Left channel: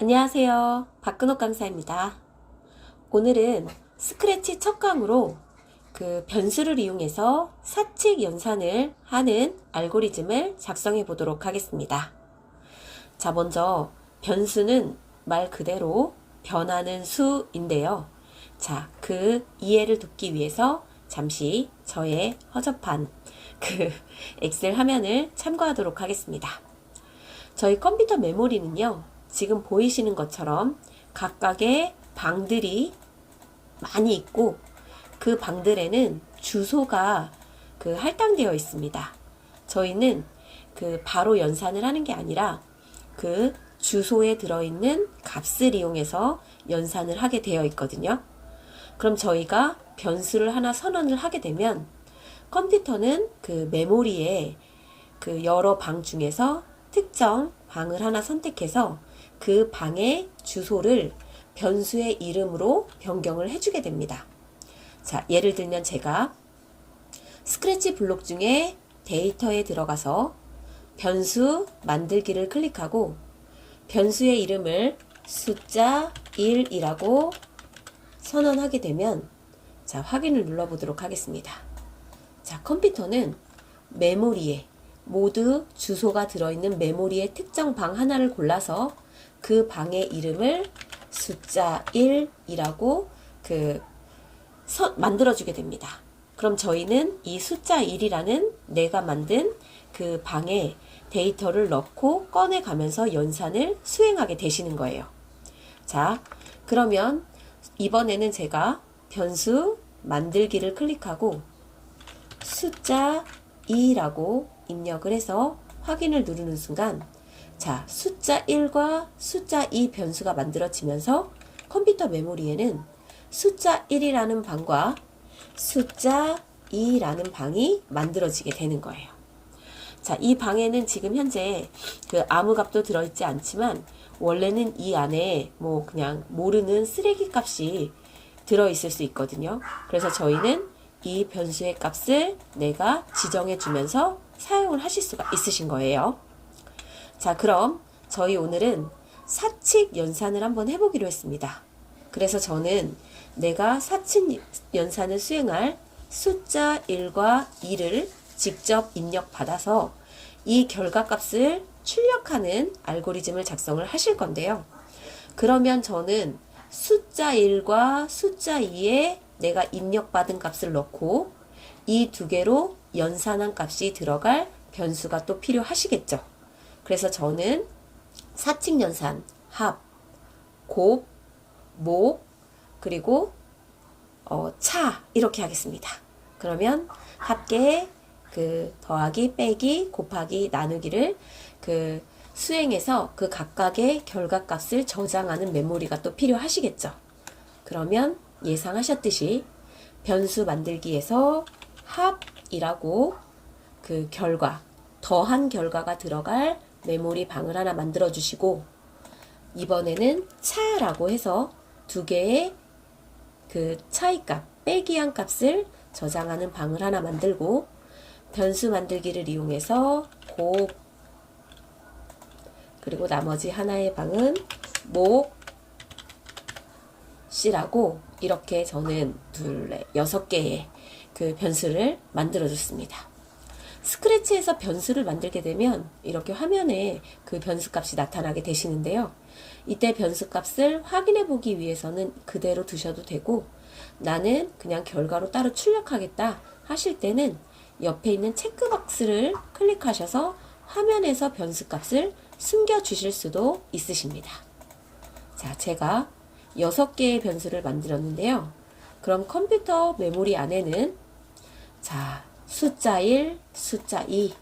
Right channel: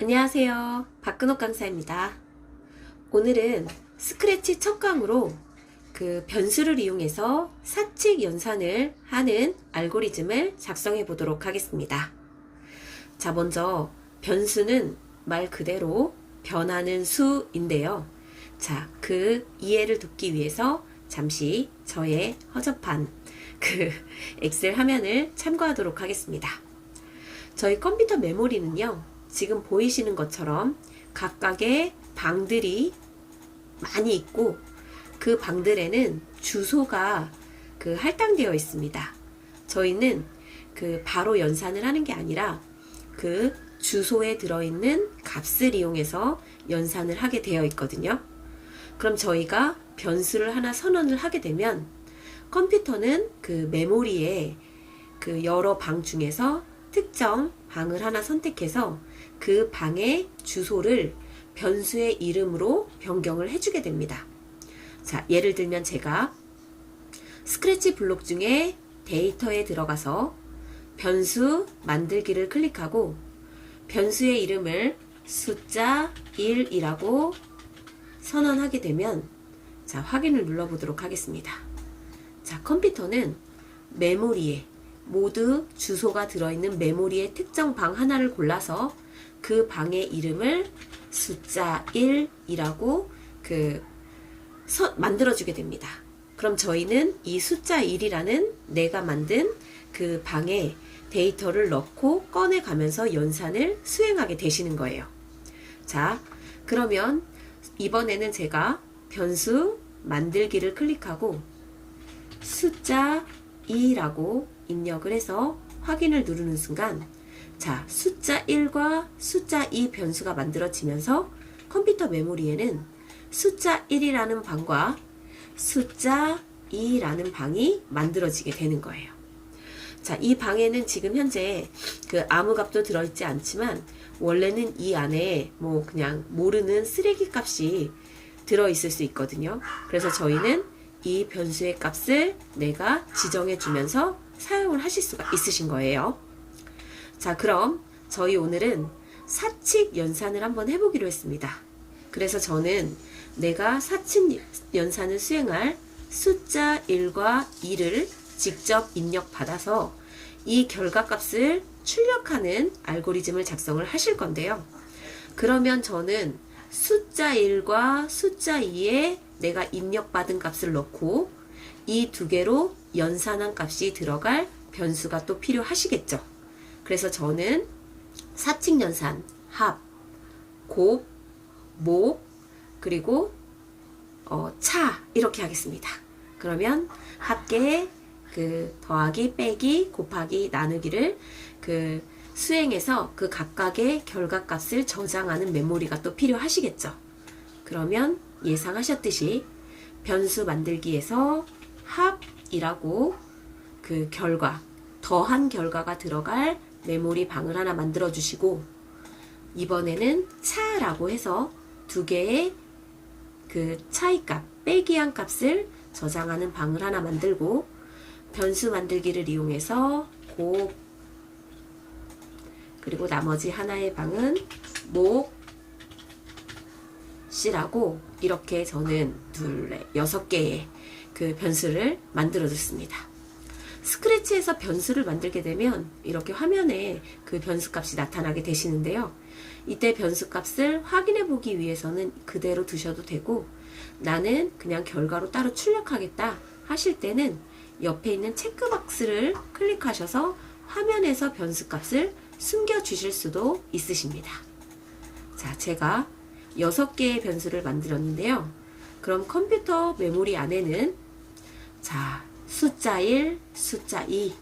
안녕하세요. 박근옥 강사입니다. 오늘은 스크래치 첫 강으로 그 변수를 이용해서 사칙 연산을 하는 알고리즘을 작성해 보도록 하겠습니다. 자, 먼저 변수는 말 그대로 변하는 수인데요. 자, 그 이해를 돕기 위해서 잠시 저의 허접한 그 엑셀 화면을 참고하도록 하겠습니다. 저희 컴퓨터 메모리는요, 지금 보이시는 것처럼 각각의 방들이 많이 있고 그 방들에는 주소가 그 할당되어 있습니다. 저희는 그 바로 연산을 하는 게 아니라 그 주소에 들어있는 값을 이용해서 연산을 하게 되어 있거든요. 그럼 저희가 변수를 하나 선언을 하게 되면 컴퓨터는 그 메모리에 그 여러 방 중에서 특정 방을 하나 선택해서 그 방의 주소를 변수의 이름으로 변경을 해주게 됩니다. 자, 예를 들면 제가 스크래치 블록 중에 데이터에 들어가서 변수 만들기를 클릭하고 변수의 이름을 숫자 1이라고 선언하게 되면 자, 확인을 눌러보도록 하겠습니다. 자, 컴퓨터는 메모리에 모두 주소가 들어있는 메모리의 특정 방 하나를 골라서 그 방의 이름을 숫자 1이라고 만들어주게 됩니다. 그럼 저희는 이 숫자 1이라는 내가 만든 그 방에 데이터를 넣고 꺼내가면서 연산을 수행하게 되시는 거예요. 자, 그러면 이번에는 제가 변수 만들기를 클릭하고 숫자 2라고 입력을 해서 확인을 누르는 순간 자, 숫자 1과 숫자 2 변수가 만들어지면서 컴퓨터 메모리에는 숫자 1이라는 방과 숫자 2라는 방이 만들어지게 되는 거예요. 자, 이 방에는 지금 현재 그 아무 값도 들어있지 않지만 원래는 이 안에 뭐 그냥 모르는 쓰레기 값이 들어있을 수 있거든요. 그래서 저희는 이 변수의 값을 내가 지정해 주면서 사용을 하실 수가 있으신 거예요. 자, 그럼 저희 오늘은 사칙 연산을 한번 해보기로 했습니다. 그래서 저는 내가 사칙 연산을 수행할 숫자 1과 2를 직접 입력받아서 이 결과값을 출력하는 알고리즘을 작성을 하실 건데요. 그러면 저는 숫자 1과 숫자 2에 내가 입력받은 값을 넣고 이 두 개로 연산한 값이 들어갈 변수가 또 필요하시겠죠. 그래서 저는 사칙 연산, 합, 곱, 목, 그리고 차 이렇게 하겠습니다. 그러면 합계 그 더하기, 빼기, 곱하기, 나누기를 그 수행해서 그 각각의 결과값을 저장하는 메모리가 또 필요하시겠죠. 그러면 예상하셨듯이 변수 만들기에서 합이라고 그 결과, 더한 결과가 들어갈 메모리 방을 하나 만들어 주시고 이번에는 차라고 해서 두 개의 그 차이값, 빼기한 값을 저장하는 방을 하나 만들고 변수 만들기를 이용해서 곱 그리고 나머지 하나의 방은 목 C라고 이렇게 저는 둘, 넷, 6개의 그 변수를 만들어 줬습니다. 스크래치에서 변수를 만들게 되면 이렇게 화면에 그 변수 값이 나타나게 되시는데요. 이때 변수 값을 확인해 보기 위해서는 그대로 두셔도 되고 나는 그냥 결과로 따로 출력하겠다 하실 때는 옆에 있는 체크박스를 클릭하셔서 화면에서 변수 값을 숨겨 주실 수도 있으십니다. 자, 제가 6개의 변수를 만들었는데요. 그럼 컴퓨터 메모리 안에는 자, 숫자 1, 숫자 2,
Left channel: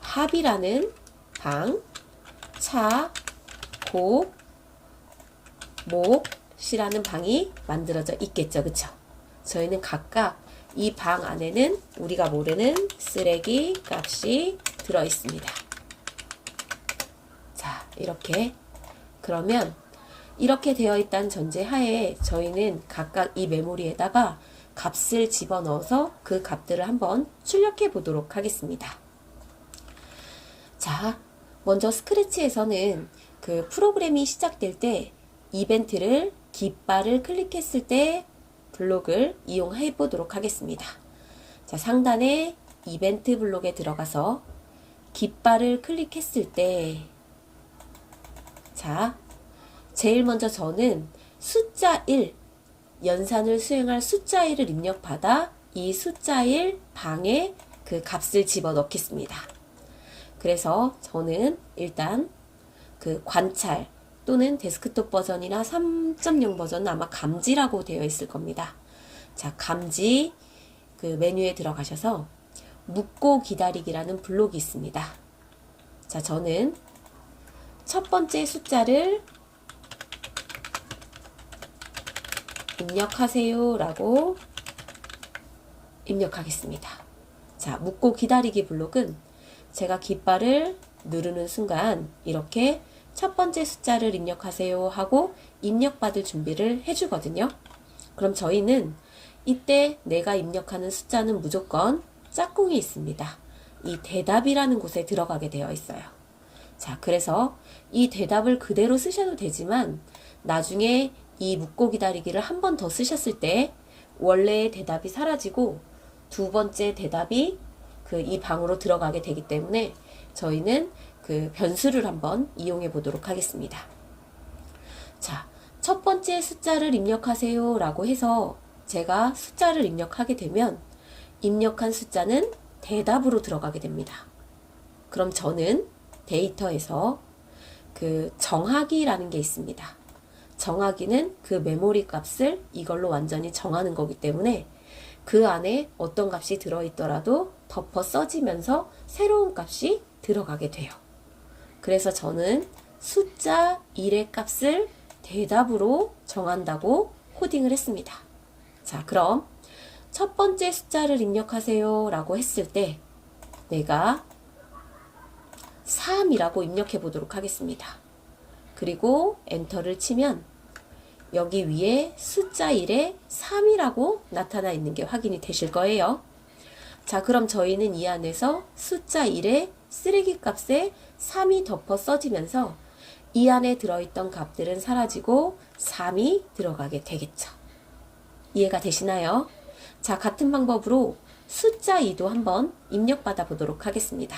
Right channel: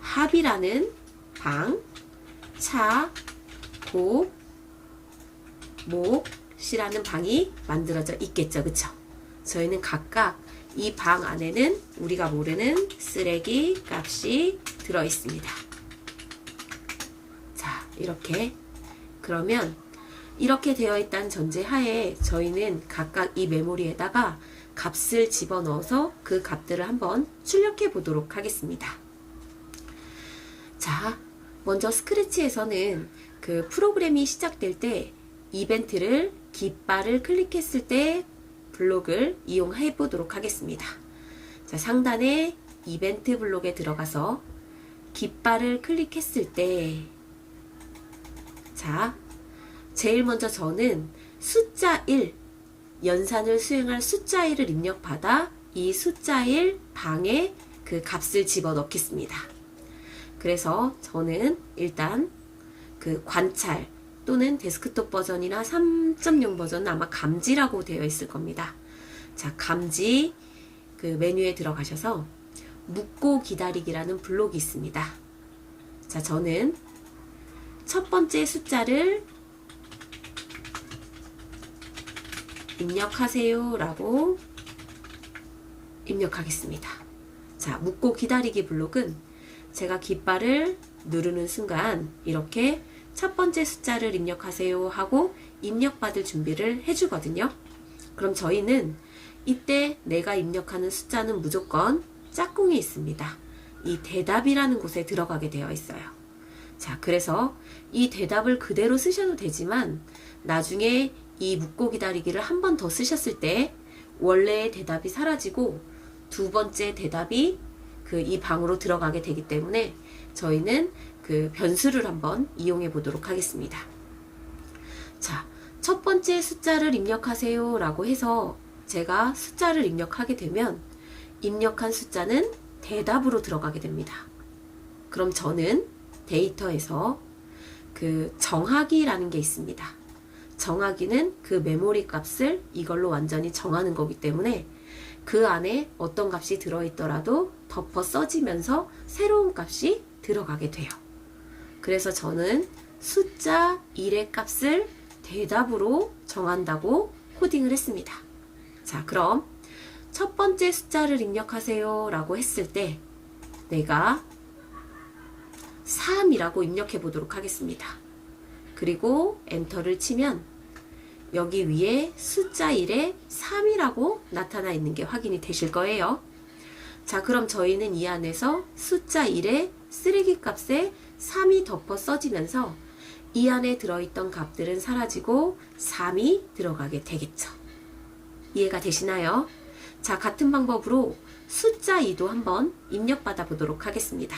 합이라는 방, 차, 곱, 목, C라는 방이 만들어져 있겠죠. 그쵸? 저희는 각각 이 방 안에는 우리가 모르는 쓰레기 값이 들어 있습니다. 자, 이렇게 그러면 이렇게 되어 있다는 전제 하에 저희는 각각 이 메모리에다가 값을 집어넣어서 그 값들을 한번 출력해 보도록 하겠습니다. 자, 먼저 스크래치에서는 그 프로그램이 시작될 때 이벤트를 깃발을 클릭했을 때 블록을 이용해 보도록 하겠습니다. 자, 상단에 이벤트 블록에 들어가서 깃발을 클릭했을 때, 자, 제일 먼저 저는 숫자 1, 연산을 수행할 숫자 1을 입력받아 이 숫자 1 방에 그 값을 집어 넣겠습니다. 그래서 저는 일단 그 관찰 또는 데스크톱 버전이나 3.0 버전은 아마 감지라고 되어 있을 겁니다. 자, 감지 그 메뉴에 들어가셔서 묻고 기다리기라는 블록이 있습니다. 자, 저는 첫 번째 숫자를 입력하세요 라고 입력하겠습니다. 자, 묻고 기다리기 블록은 제가 깃발을 누르는 순간 이렇게 첫 번째 숫자를 입력하세요 하고 입력받을 준비를 해주거든요. 그럼 저희는 이때 내가 입력하는 숫자는 무조건 짝꿍이 있습니다. 이 대답이라는 곳에 들어가게 되어 있어요. 자, 그래서 이 대답을 그대로 쓰셔도 되지만 나중에 이 묻고 기다리기를 한 번 더 쓰셨을 때 원래의 대답이 사라지고 두 번째 대답이 그 이 방으로 들어가게 되기 때문에 저희는 그 변수를 한번 이용해 보도록 하겠습니다. 자, 첫 번째 숫자를 입력하세요 라고 해서 제가 숫자를 입력하게 되면 입력한 숫자는 대답으로 들어가게 됩니다. 그럼 저는 데이터에서 그 정하기라는 게 있습니다. 정하기는 그 메모리 값을 이걸로 완전히 정하는 거기 때문에 그 안에 어떤 값이 들어있더라도 덮어 써지면서 새로운 값이 들어가게 돼요. 그래서 저는 숫자 1의 값을 대답으로 정한다고 코딩을 했습니다. 자, 그럼 첫 번째 숫자를 입력하세요 라고 했을 때 내가 3이라고 입력해 보도록 하겠습니다. 그리고 엔터를 치면 여기 위에 숫자 1에 3이라고 나타나 있는 게 확인이 되실 거예요. 자, 그럼 저희는 이 안에서 숫자 1의 쓰레기 값에 3이 덮어 써지면서 이 안에 들어있던 값들은 사라지고 3이 들어가게 되겠죠. 이해가 되시나요? 자, 같은 방법으로 숫자 2도 한번 입력받아 보도록 하겠습니다.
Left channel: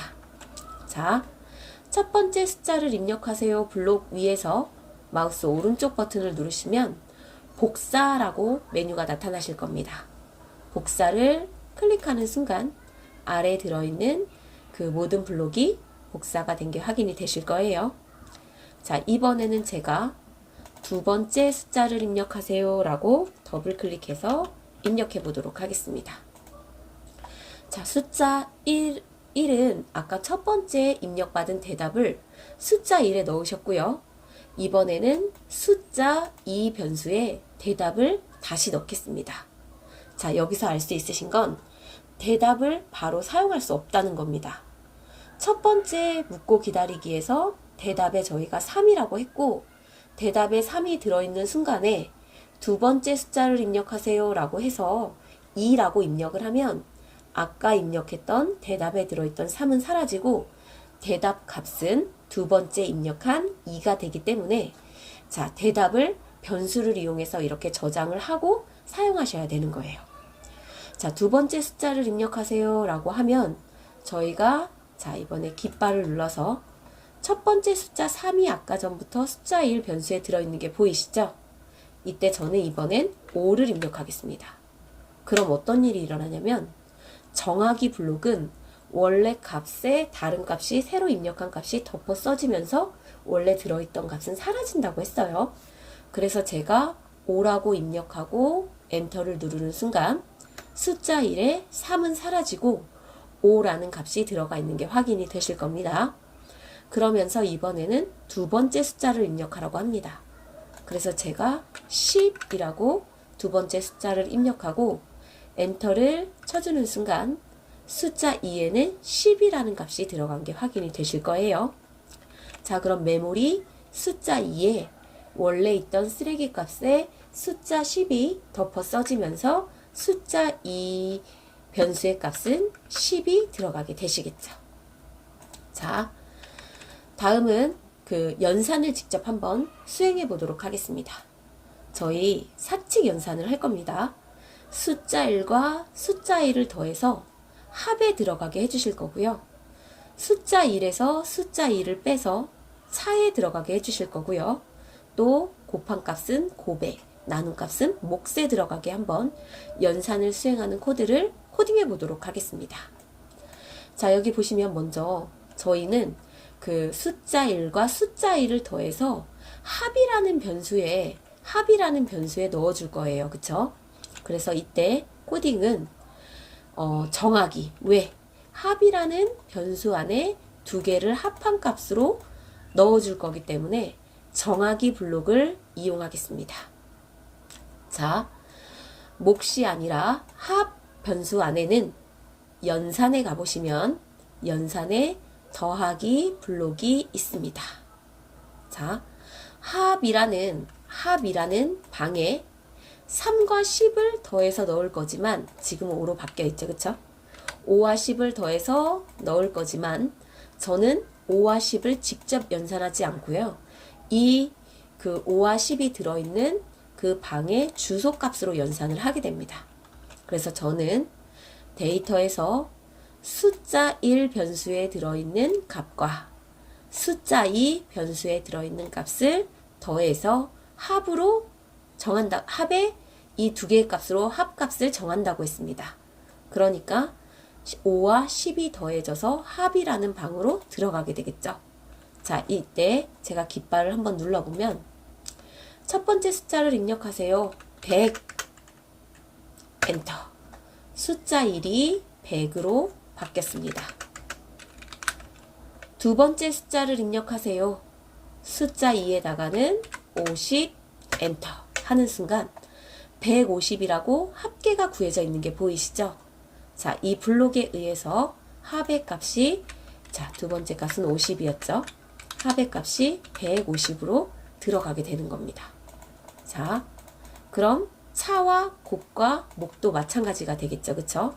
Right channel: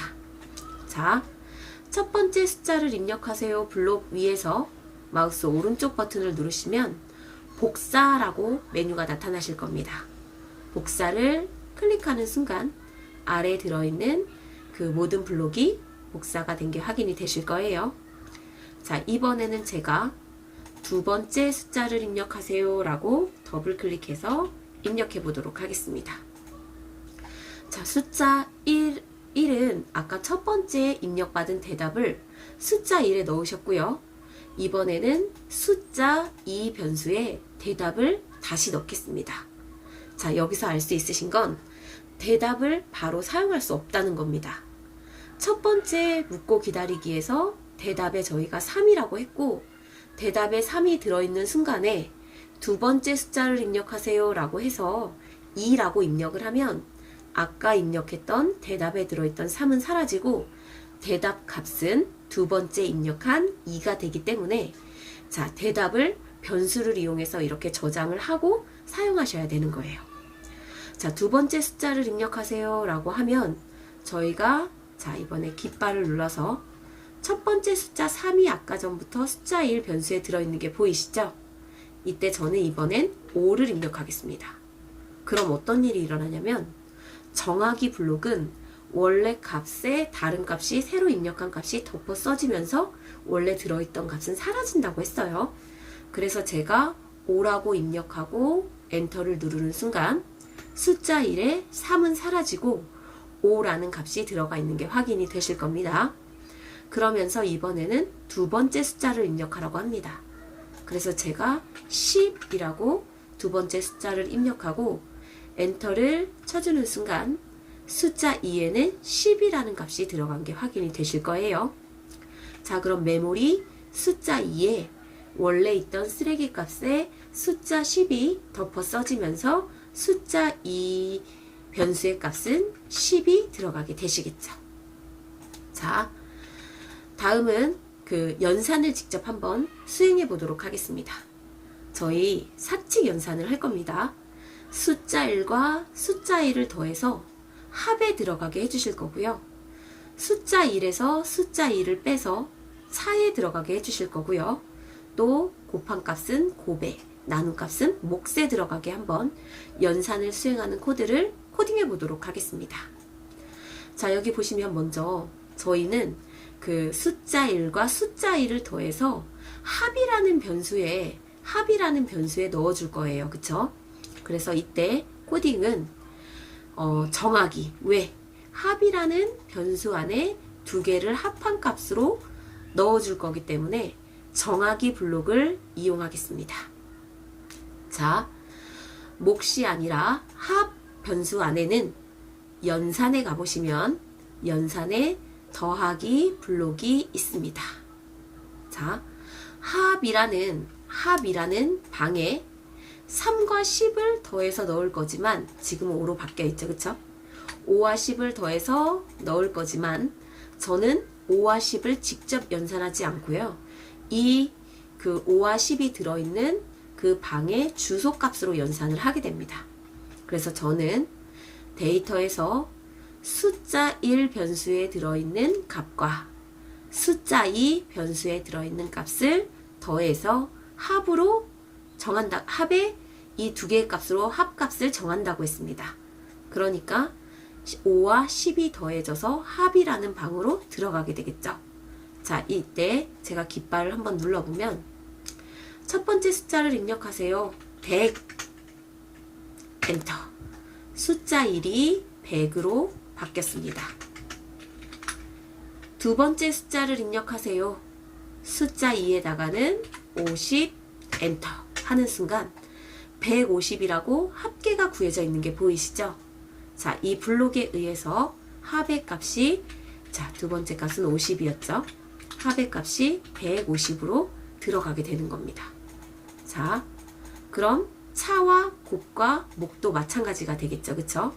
자, 첫 번째 숫자를 입력하세요 블록 위에서 마우스 오른쪽 버튼을 누르시면 복사라고 메뉴가 나타나실 겁니다. 복사를 클릭하는 순간 아래에 들어있는 그 모든 블록이 복사가 된 게 확인이 되실 거예요. 자, 이번에는 제가 두 번째 숫자를 입력하세요 라고 더블 클릭해서 입력해 보도록 하겠습니다. 자, 숫자 1은 아까 첫 번째 입력받은 대답을 숫자 1에 넣으셨고요. 이번에는 숫자 2 변수에 대답을 다시 넣겠습니다. 자, 여기서 알 수 있으신 건 대답을 바로 사용할 수 없다는 겁니다. 첫 번째 묻고 기다리기에서 대답에 저희가 3이라고 했고 대답에 3이 들어있는 순간에 두 번째 숫자를 입력하세요 라고 해서 2라고 입력을 하면 아까 입력했던 대답에 들어있던 3은 사라지고 대답 값은 두 번째 입력한 2가 되기 때문에 자, 대답을 변수를 이용해서 이렇게 저장을 하고 사용하셔야 되는 거예요. 자, 두 번째 숫자를 입력하세요 라고 하면 저희가 자, 이번에 깃발을 눌러서 첫 번째 숫자 3이 아까 전부터 숫자 1 변수에 들어있는 게 보이시죠? 이때 저는 이번엔 5를 입력하겠습니다. 그럼 어떤 일이 일어나냐면 정하기 블록은 원래 값에 다른 값이 새로 입력한 값이 덮어 써지면서 원래 들어있던 값은 사라진다고 했어요. 그래서 제가 5라고 입력하고 엔터를 누르는 순간 숫자 1에 3은 사라지고 5라는 값이 들어가 있는 게 확인이 되실 겁니다. 그러면서 이번에는 두 번째 숫자를 입력하라고 합니다. 그래서 제가 10이라고 두 번째 숫자를 입력하고 엔터를 쳐주는 순간 숫자 2에는 10이라는 값이 들어간 게 확인이 되실 거예요. 자, 그럼 메모리 숫자 2에 원래 있던 쓰레기 값에 숫자 10이 덮어 써지면서 숫자 2 변수의 값은 10이 들어가게 되시겠죠. 자, 다음은 그 연산을 직접 한번 수행해 보도록 하겠습니다. 저희 사칙 연산을 할 겁니다. 숫자 1과 숫자 1을 더해서 합에 들어가게 해주실 거고요. 숫자 1에서 숫자 2를 빼서 차에 들어가게 해주실 거고요. 또 곱한 값은 곱에, 나눈 값은 몫에 들어가게 한번 연산을 수행하는 코드를 코딩해 보도록 하겠습니다. 자, 여기 보시면 먼저 저희는 그 숫자 1과 숫자 2를 더해서 합이라는 변수에 넣어줄 거예요. 그쵸? 그래서 이때 코딩은 정하기. 왜? 합이라는 변수 안에 두 개를 합한 값으로 넣어줄 거기 때문에 정하기 블록을 이용하겠습니다. 자, 몫이 아니라 합 변수 안에는 연산에 가보시면 연산에 더하기 블록이 있습니다. 자, 합이라는 방에 3과 10을 더해서 넣을 거지만 지금은 5로 바뀌어 있죠. 그쵸? 5와 10을 더해서 넣을 거지만 저는 5와 10을 직접 연산하지 않고요. 그 5와 10이 들어있는 그 방의 주소값으로 연산을 하게 됩니다. 그래서 저는 데이터에서 숫자 1 변수에 들어있는 값과 숫자 2 변수에 들어있는 값을 더해서 합으로 정한다. 합에 이 두 개의 값으로 합값을 정한다고 했습니다. 그러니까 5와 10이 더해져서 합이라는 방으로 들어가게 되겠죠. 자, 이때 제가 깃발을 한번 눌러보면 첫 번째 숫자를 입력하세요. 100 엔터. 숫자 1이 100으로 바뀌었습니다. 두 번째 숫자를 입력하세요. 숫자 2에다가는 50 엔터 하는 순간 150이라고 합계가 구해져 있는 게 보이시죠? 자, 이 블록에 의해서 합의 값이, 자, 두 번째 값은 50이었죠? 합의 값이 150으로 들어가게 되는 겁니다. 자, 그럼 차와 곱과 목도 마찬가지가 되겠죠. 그쵸?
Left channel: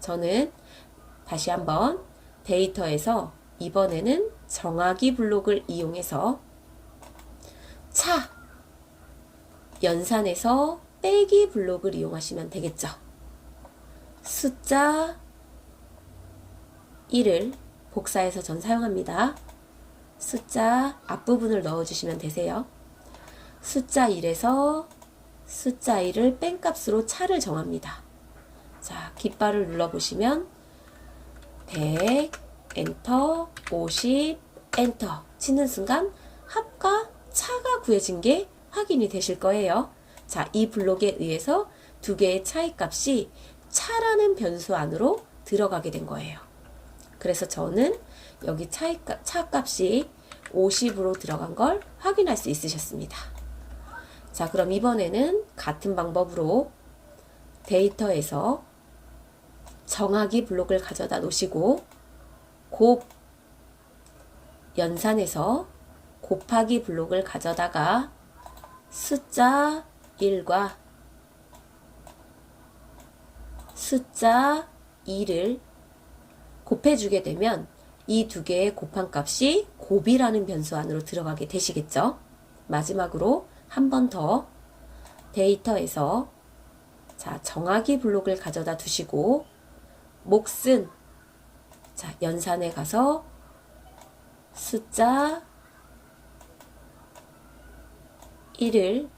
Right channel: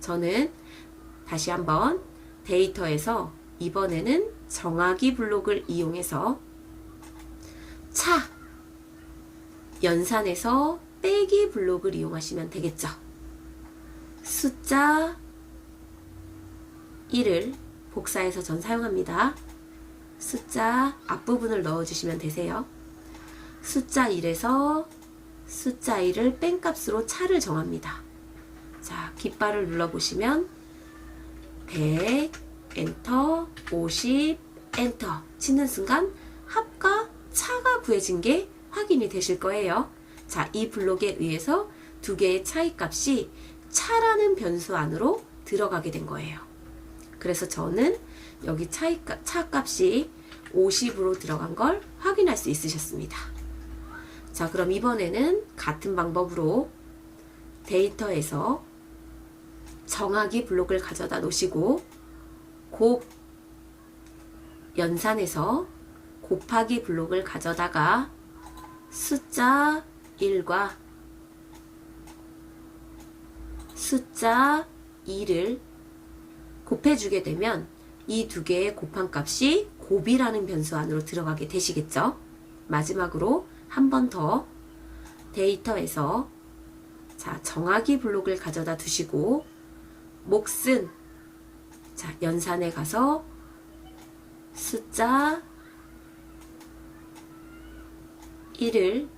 저는 다시 한번 데이터에서 이번에는 정하기 블록을 이용해서 차, 연산에서 빼기 블록을 이용하시면 되겠죠. 숫자 1을 복사해서 전 사용합니다. 숫자 앞부분을 넣어주시면 되세요. 숫자 1에서 숫자 1을 뺀 값으로 차를 정합니다. 자, 깃발을 눌러보시면 100 엔터, 50 엔터 치는 순간 합과 차가 구해진 게 확인이 되실 거예요. 자, 이 블록에 의해서 두 개의 차이 값이 차라는 변수 안으로 들어가게 된 거예요. 그래서 저는 여기 차 값이 50으로 들어간 걸 확인할 수 있으셨습니다. 자, 그럼 이번에는 같은 방법으로 데이터에서 정하기 블록을 가져다 놓으시고 곱, 연산에서 곱하기 블록을 가져다가 숫자 1과 숫자 2를 곱해주게 되면 이 두 개의 곱한 값이 곱이라는 변수 안으로 들어가게 되시겠죠. 마지막으로 한 번 더 데이터에서 자, 정하기 블록을 가져다 두시고 몫은 자, 연산에 가서 숫자 1을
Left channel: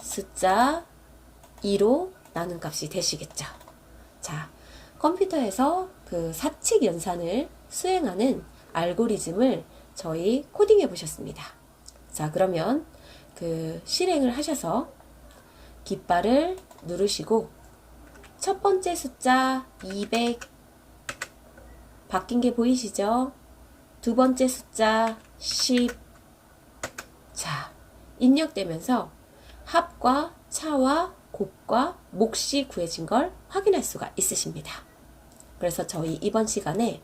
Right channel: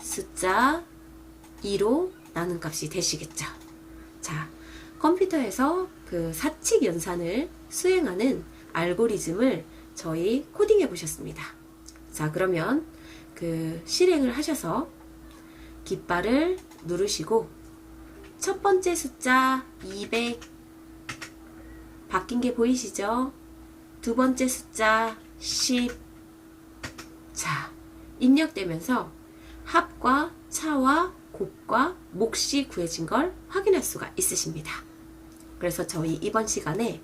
숫자 2로 나눈 값이 되시겠죠. 자, 컴퓨터에서 그 사칙 연산을 수행하는 알고리즘을 저희 코딩해 보셨습니다. 자, 그러면 그 실행을 하셔서 깃발을 누르시고 첫 번째 숫자 200 바뀐 게 보이시죠? 두 번째 숫자 10 자, 입력되면서 합과 차와 곱과 몫이 구해진 걸 확인할 수가 있으십니다. 그래서 저희 이번 시간에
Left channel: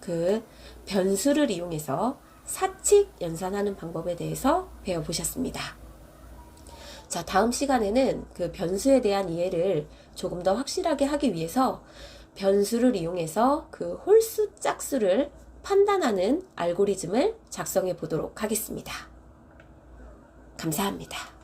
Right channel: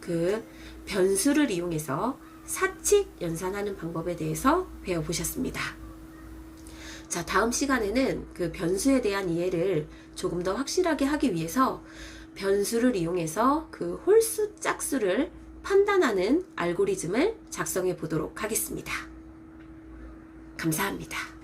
그 변수를 이용해서 사칙 연산하는 방법에 대해서 배워보셨습니다. 자, 다음 시간에는 그 변수에 대한 이해를 조금 더 확실하게 하기 위해서 변수를 이용해서 그 홀수 짝수를 판단하는 알고리즘을 작성해 보도록 하겠습니다. 감사합니다.